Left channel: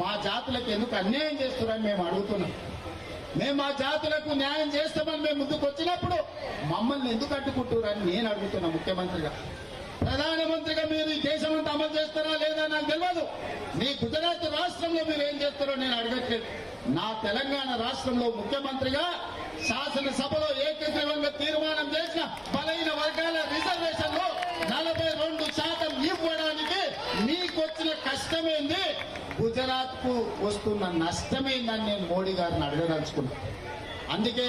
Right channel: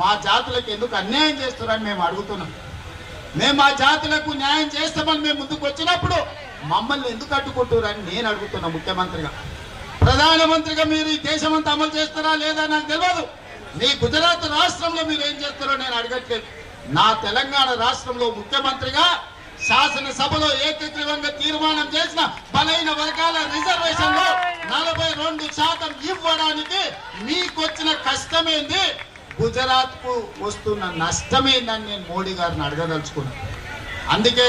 మా జాతులకు ఎందుకు అన్యాయం చేస్తున్నారని మేము అడుగుతున్నాం. మేము మా జాతులకు న్యాయం చేస్తామని మేము ముందుకు వచ్చినప్పుడు మమ్మల్ని ఎందుకు అడ్డుకుంటున్నారని నేను అడుగుతున్నా. ముఖ్యమంత్రిగా, ప్రధానమంత్రిగా మీరు ఈ దేశమంతా అమలు చేస్తారా లేదా నాకు తెలియదు. మీ గుజరాత్ రాష్ట్రంలో మీరు ఏం చేస్తారో నేను అడగట్లేదు. నా తెలంగాణ రాష్ట్రంలో ముఖ్యమంత్రిగా శాసనసభలో ఏకగ్రీవంగా తీర్మానం చేసిన బలైన వర్గాల రిజర్వేషన్లో 42% ఇవ్వడానికి మీకొచ్చిన కష్టమేంది, గుజరాత్ కు వస్తున్న నష్టమేందని నేను మోడీ గారిని అడగదలుచుకున్నాను. అందుకే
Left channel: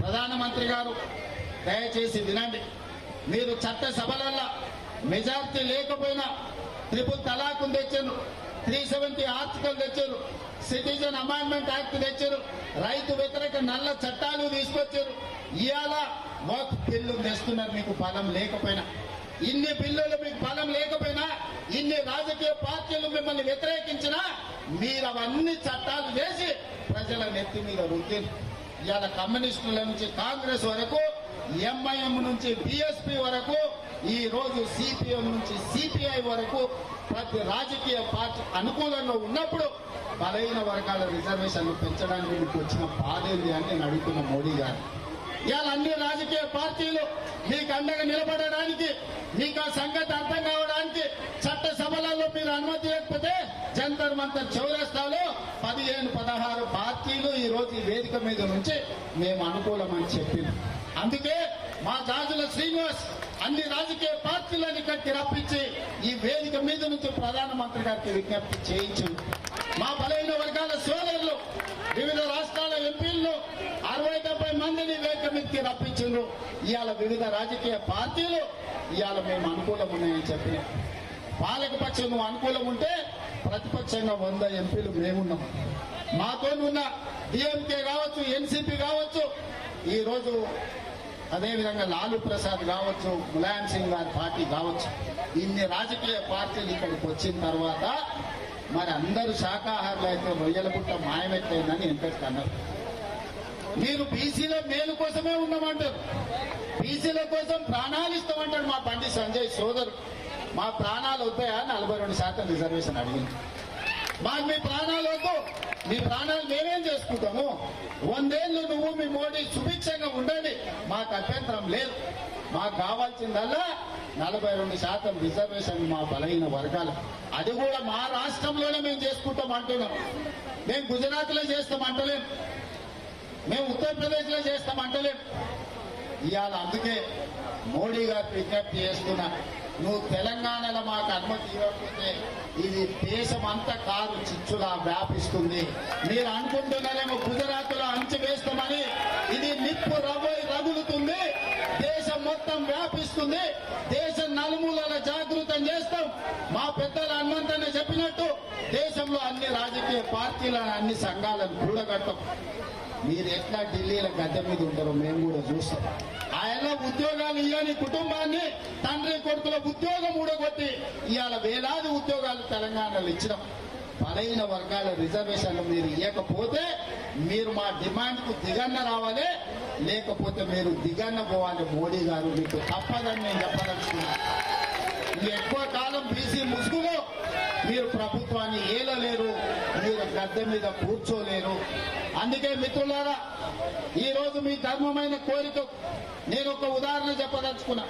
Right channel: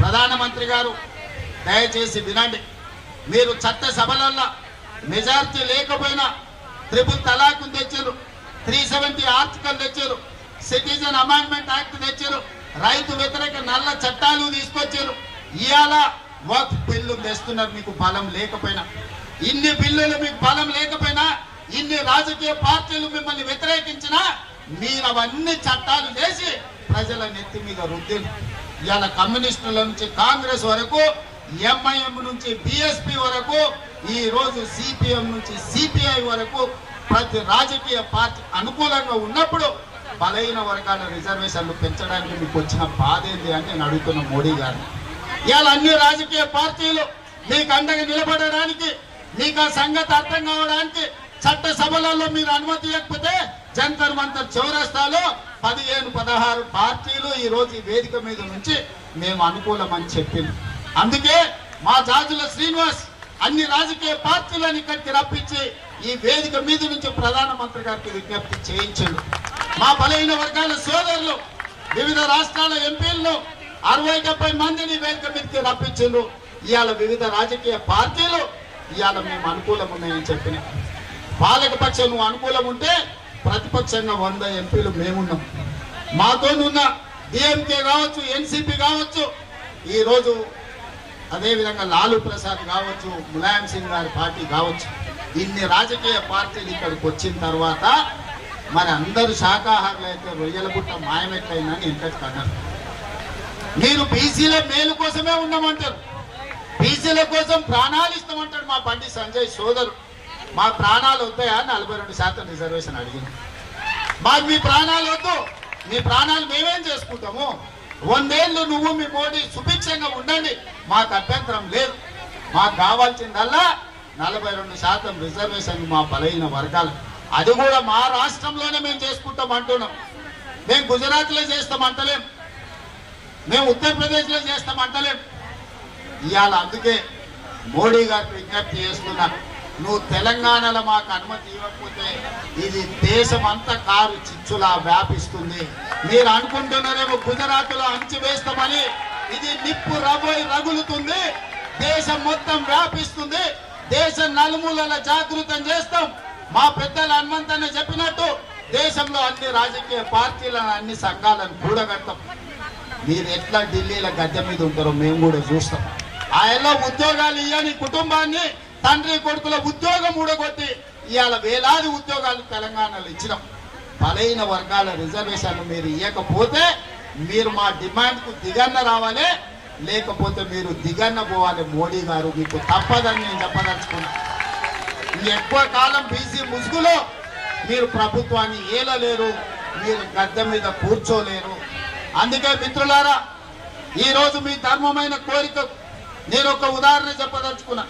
ప్రధానమంత్రి గారు దయచేసి వినండి. మీరు చట్టసభలల్లో మెజారిటీ లేకపోయినా ట్రిపుల్ తలాక్ తెచ్చారు, 370 ఆర్టికల్ తెచ్చారు, సిటిజన్ అమెండ్మెంట్ యాక్ట్ తెచ్చారు, రైతు వ్యతిరేక నల్ల చట్టాలు తీసుకొచ్చారు. ఇవాళ వక్ఫ్ బిల్లు తెస్తున్నారు. మీకు బలం లేకపోయినా, ఇన్ని బిల్లులు మీకు బలం లేకపోయినా, ఇన్ని రాజకీయ పార్టీలు మిమ్మల్ని వ్యతిరేకించినా మీరు అవన్నీ చట్టాలు చేసి ప్రజల నెత్తి మీద రుద్దిలు. ఇవాళ కమ్యూనిస్టుల నుంచి కాంగ్రెస్ వరకు, ఎంఐఎం నుంచి బిఎస్పి వరకు, ఈ రోజు సిపిఎం నుంచి సిపిఐ వరకు ప్రతి రాజకీయ పార్టీ అనుకూలంగా ఉన్నప్పుడు బలైన వర్గాల రిజర్వేషన్లు పెంచడానికి మీకు వచ్చిన బాధ ఏంది అని నేను అడుగుతున్న మోడీ గారు. ఇవాళ అన్ని రాజకీయ పార్టీలు మీకు అండగా నిలబడడానికి, మీకు ఆ సంగతి అర్థం కావడానికి చట్టసభలలో మీరు అనుమతి ఇవ్వకపోతే జంతర్ మంతర్ చౌరస్తాలో 15-16 పార్టీలు ఈ రోజు ఈ వేదిక మీద నుంచి మేము అనుకూలమని చెప్పింది. అందుకే మా జాజుల శ్రీనివాస్ అన్ని రాజకీయ పార్టీలను ఇక్కడికి రప్పించి ఈ వేదిక మీద నుంచి ప్రధానమంత్రి గారికి విజ్ఞప్తి చేయించాడు. మా బలహీన వర్గాల సోదరులు వివిధ రాష్ట్రాల ఎంపీలను 60-70 మందిని వేదిక మీదకి రప్పించారు. ఇవాళ వివిధ రాజకీయ పార్టీలు ఇవాళ మేము అనుకూలం ఉన్నాయని చెప్పినాయి. పాలకపక్షం నువ్వు అనుకూలం ఉంటే ప్రతిపక్షంగా 100 ఎంపీలు మేమున్నాం. మాతో ఉన్న డిఎంకే కావచ్చు, ఎన్సిపి కావచ్చు, ఈరోజు అదేవిధంగా లాలూ ప్రసాద్ కావచ్చు, ములాయం సింగ్ గారి పార్టీ కావచ్చు, ఇన్ని రాజకీయ పార్టీలు ఇక్కడికి వచ్చిన తర్వాత మరి అందరూ శాఖాహారులు అయితే రొయ్యల పుట్ట మాయమెట్లయిందని ఇంతటి అన్నారు. మీరు బీసీల మేలు కోసమే ఉన్నామంటారు, బీసీల కోసం ప్రాణాలు ఇస్తామంటాడు మా బండి సంజయ్ సోదరు. మా ప్రాణాలు వద్దాయా? 42% రిజర్వేషన్ అడిగింది. మాకు మీ ప్రాణాలు వద్దు, మీ ప్రాణాలు మేమేం చేసుకుంటాము? 100 ఏళ్ళు నువ్వు మీ మోడీ సుభిక్షంగా ఉండండి, మాకు అభ్యంతరం లేదు. మాకు కావాల్సిందల్లా 42% రిజర్వేషన్ మా బలైన వర్గాలు. అది కూడా మా రాష్ట్రంలోనే మేము చేసుకుంటాం అంటున్నాం. మేము గుజరాత్లో చేస్తామంటలేం, మేము ఉత్తరప్రదేశ్లో చేస్తామంటలేం. ఇవాళ అందుకే మోడీ గారికి విజ్ఞప్తి చేస్తున్నా, నువ్వు తెలంగాణలో మాకు అనుమతి ఇవ్వకపోతే ఇది దేశమంతా కారు చిచ్చులా వ్యాపిస్తుంది. మీరు అనుకుంటున్నారేమో గుజరాత్లో అంచు వేస్తామని, ఇది నిప్పు రగులుతుంది, దేశం మొత్తం వ్యాపిస్తుంది, దేశం నలుమూలల జాగృతం చేస్తాం. మా పెద్దలు హనుమంతన్న చెప్పినట్టు దేశంలో అన్ని రాజకీయ పార్టీలను, అన్ని సంఘాలను కూడగడతాం. మీరు ఎట్లా ఢిల్లీలో గద్దె మీద ఉంటారో మేము కూడా చూస్తాం. ఆయనలో ఉద్యోగాలు ఇవ్వని కుటుంబాన్ని తండ్రి కొడుకుల ఉద్యోగం ఊడగొట్టి ఇవాళ వేలాది ఉద్యోగాలు తెలంగాణలో ఇచ్చినాం. బలైన వర్గాల రిజర్వేషన్లు మీరు ఇవ్వకపోతే మీరు మా డిమాండ్కు దిగన్న రావాలి, లేకపోతే మీరు దిగన్న పోవాలి. మోడీ గారు మీకు తప్పదని నేను చెప్పదలుచుకున్నా. ఎక్కువ కాలం బీసీ ముసుగులో మీరు ప్రభుత్వాన్ని ఏలలేరు, మీరు గద్దె మీద కూర్చోలేరు. అందుకే మిత్రులారా, ఈరోజు మీ ధర్మమైన కోరిక నేను ఒక ఉదాహరణ చెప్పదలుచుకున్నా.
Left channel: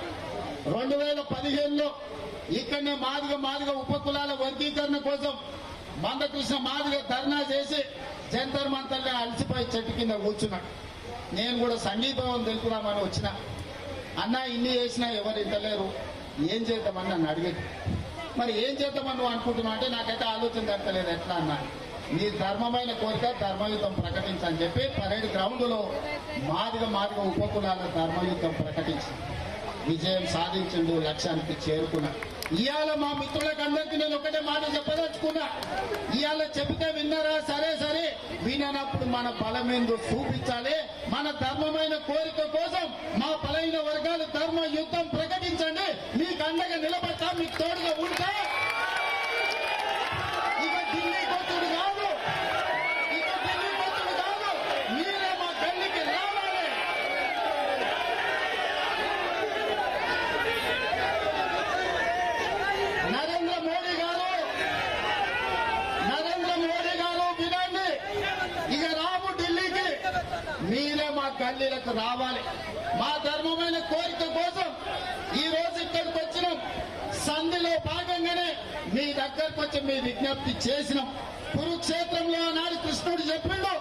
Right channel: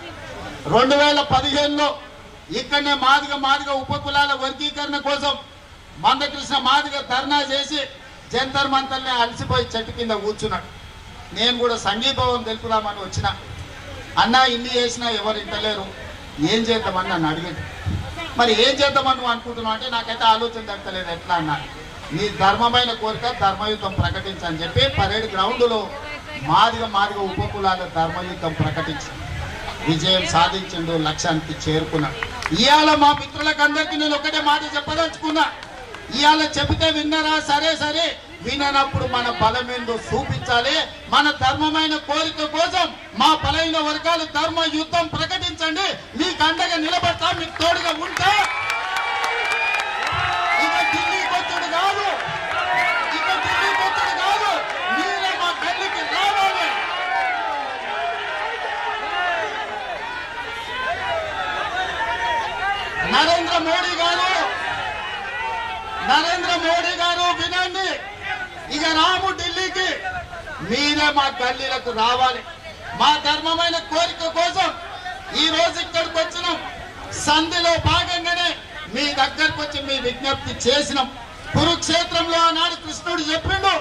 2015లో ఇక్కడనే మాదిగ ఉపకులాల వర్గీకరణ కోసం మందకృష్ణ మాదిగ ధర్నా చేసి జంతర్ మంతర్నే అలసిపోయి చెట్టు కింద కూర్చున్నాడు. నేను కూడా సంఘీభావం తెలుపుదామని వచ్చిన. అన్న ఇన్ని చేసినా ఎవరు ఇంటలేరు, ఏం చేద్దామని నన్ను అడిగింది. మరి ఏం చేద్దామని నువ్వు అనుకుంటున్నావు అంటే నాకైతే ఆలోచన దక్కలేదు. ఎట్లా అన్నా, నీ ధర్మమైన కోరిక ధర్మయుద్ధం ప్రకటించని చెప్పి పరేడ్ గ్రౌండ్లో మాదిగ ఉపకులాల ధర్మయుద్ధం ప్రకటించి విజయం సాధించిండు, లక్ష్యానికి చేరుకున్నాడు. ఇవాళ మా మిత్రులకు అందరికీ నేను ఒకటే మాట చెప్పదలుచుకున్నా. ఇవాళ చెబితే విన్నరా? సరే, విననప్పుడు మన బలమేందో చూపించాలి. మన ధర్మమైన కోరిక కోసం మా బలైన వర్గాలు ధర్మ యుద్ధం ప్రకటించండి. మీకు అండగా నిలబడతా, మీకు తోడుగా ఉంటా. ఇక ఢిల్లీ కొట్టుడు కాదు, మీరే మా పెళ్లికి రావాలి. నరేంద్ర మోడీ గారు నరేంద్ర మోడీ గారు వినండి, ఇక రాము ఢిల్లీకి, మీరే మా గల్లీలకు రావాలి. మా ధర్మమైన కోరిక కోసం ఈ రోజు ఇక్కడికి వచ్చినాం. సంధిలో భాగంగానే మీ దగ్గరకు వచ్చి మీ విజ్ఞప్తి చేసినాం. కురుక్షేత్రంలో ఆనాడు కృష్ణుడు చెప్పిండు,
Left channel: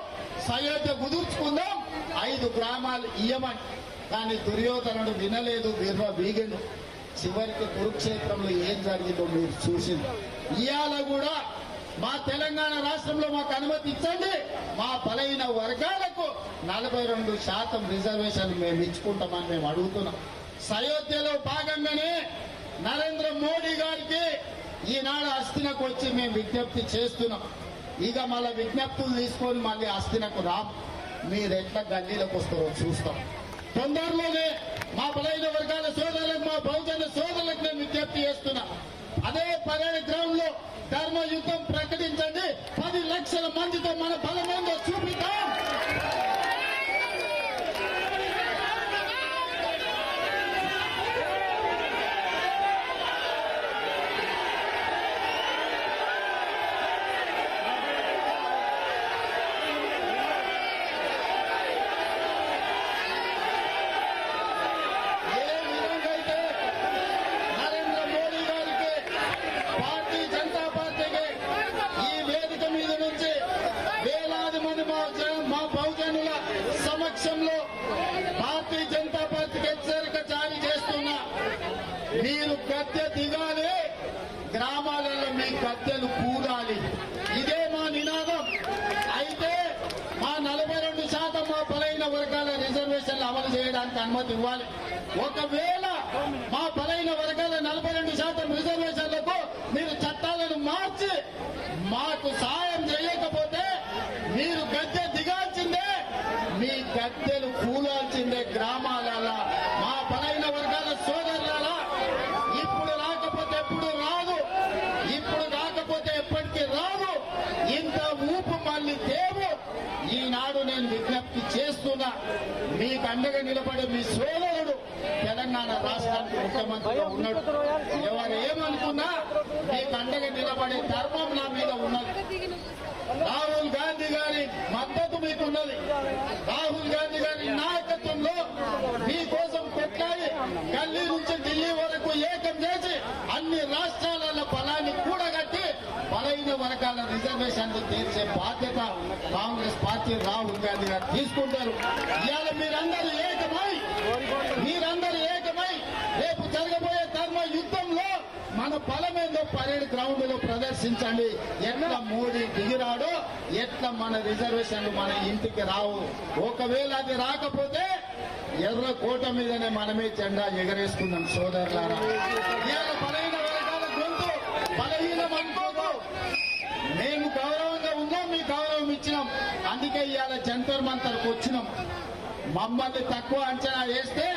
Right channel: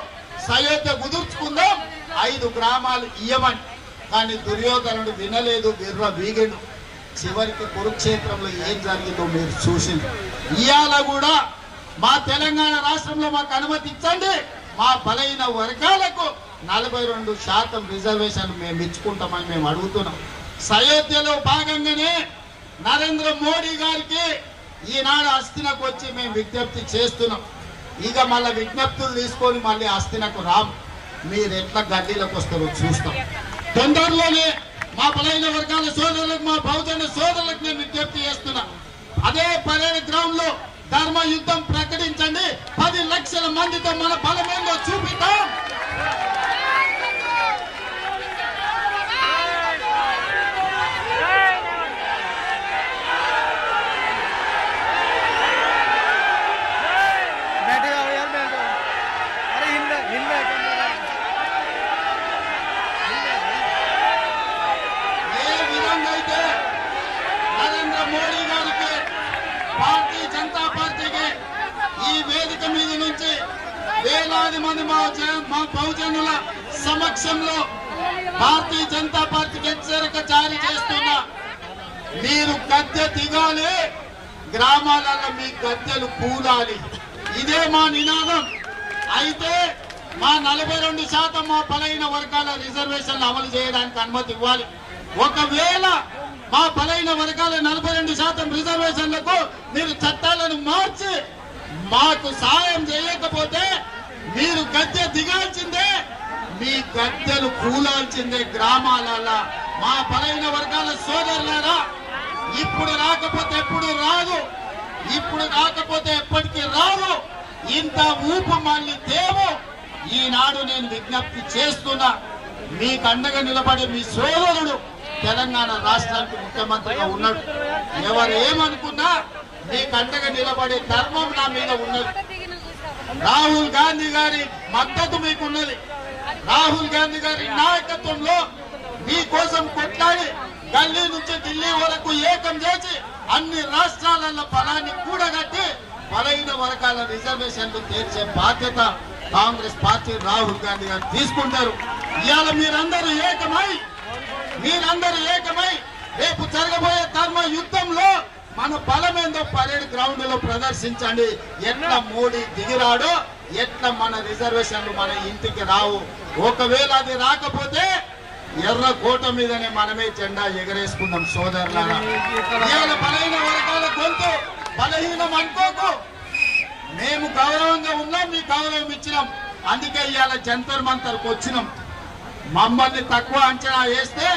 సయోధ్య కుదుర్చుకుందాం, 5 గ్రామాలు ఇయ్యమని. కానీ దుర్యోధనుడు వినలేదు, విర్ర వీగిండు. చివరికి కురుక్షేత్రంలో ఏం జరిగిందో మీరు చూసింది. ఇవాళ కూడా మా తెలంగాణ రాష్ట్రంలో మాకు అనుమతి ఇచ్చండి, మా బలైన వర్గాలకు 42% రిజర్వేషన్ మేము ఇచ్చుకుంటామని మేము అడుగుతున్నాం. సయోధ్యలో భాగంగానే నరేంద్ర మోడీ గారికి ఈనాడు అస్థినకు వచ్చి మేము విజ్ఞప్తి చేస్తున్నాం. ఇక మళ్ళీ విజ్ఞప్తులు తీసుకొని మళ్ళీ అస్థినకు రాం. మీరు ఎట్లా గల్లీలకు వస్తారో చూస్తాం. తొందరలోనే మా బలైన వర్గాల సోదరులకు, మా బహుజన సోదరులకు నేను విజ్ఞప్తి చేస్తున్నా. అదే పరేడ్ గ్రౌండ్ లో ధర్మ యుద్ధం ప్రకటించండి. 10 లక్షల మందితో మన బలమేందో చూపిద్దాం. ఏ విధంగా అయితే నరేంద్ర మోడీ గారికి, భారతీయ జనతా పార్టీకి ఈ వేదిక మీద నుంచి వేలాది మంది మా బహుజనుల సమక్షంలో భారతీయ జనతా పార్టీకి హెచ్చరిక జారీ చేస్తున్నా. మీరు గద్దె దిగాలి, గ్రామాలలో మీ గద్దెలు కూలాలి. ఇదే మా నినాదం. అయితే మా 42% మా బలైన వర్గాల రిజర్వేషన్లు అమలు చేయడానికి అనుమతి ఇవ్వాలి. ఒకవేళ మా బలైన వర్గాల 42% రిజర్వేషన్లకు మీరు చట్టాలను మార్చి మాకు సాయం చేయకపోతే మీరు గద్దె దిగాల్సిందే, మీ గద్దెలు కూలాల్సిందే గ్రామాలలో. మా బలైన వర్గాల సోదరులారా, ఇప్పుడు రాకపోతే ఎప్పుడు రాదు, ఇప్పుడు రాకపోతే ఎప్పటికీ రాదు. ఇంత ఊపు మళ్ళీ దేవు. ఈనాడు నేను విజ్ఞప్తి చేస్తున్నా, మీకు అండగా నిలబడే మీ సోదరుడు తెలంగాణ రాష్ట్రానికి ముఖ్యమంత్రిగా ఉన్నాడు. ఎవరు ఏమనుకున్నా మీకు అండగా నిలబడే ధర్మం నా మీద ఉన్నది. రాహుల్ గాంధీ గారి మద్దతు మీకున్నది. రాహుల్ గాంధీ గారి నాయకత్వంలో మీకోసం కొట్లాడి గల్లీ నుంచి ఢిల్లీ వరకు ఏకం చేసి అన్ని రాష్ట్రాలలో బలాన్ని కూడగట్టి బలైన వర్గాల రిజర్వేషన్లు తీర్చే బాధ్యత కాంగ్రెస్ పార్టీ, రాహుల్ గాంధీ గారు తీసుకుంటారు. ఇవాళ మీరందరూ ఏకమై రేపు జరగబోయే ధర్మ యుద్ధంలో మన బలమేందో పరేడ్ గ్రౌండ్ లో ప్రదర్శించండి. ఎట్లా మోడీ దిగిరాడో, ఎట్లా మన రిజర్వేషన్లు మన ఇంటికి రావు. ఒకవేళ అది రాకపోతే ఎర్రకోట మీదనే మనమే జెండా ఎగరేసుకుందాం సోదరులారా. ఇవాళ బలహీన వర్గాల గొంతు బలహీనం అనుకోకు. మేము గౌరవంగా ఉన్నాం, మీ గౌరవం ఇచ్చినాం. అందుకే ఇవాళ జంతర్ మంతర్కు వచ్చినాం. మమ్మల్ని తక్కువ అంచనా వేస్తే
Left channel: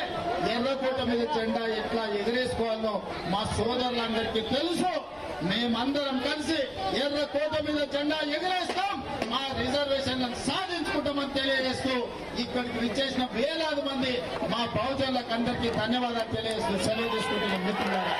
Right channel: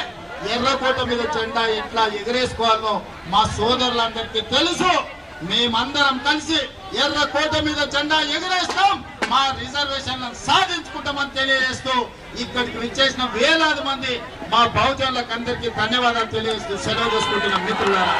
ఎర్రకోట మీద జెండా ఎట్లా ఎగరేసుకోవాలో మా సోదరులందరికీ తెలుసు. మేమందరం కలిసి ఎర్రకోట మీద జెండా ఎగరేస్తాం, మా రిజర్వేషన్లను సాధించుకుంటామని తెలియజేస్తూ ఇక్కడికి విచ్చేసిన వేలాది మంది మా బహుజనులకు అందరికీ ధన్యవాదాలు తెలియజేస్తూ సెలవు చేసుకుంటున్నాం మిత్రులారా.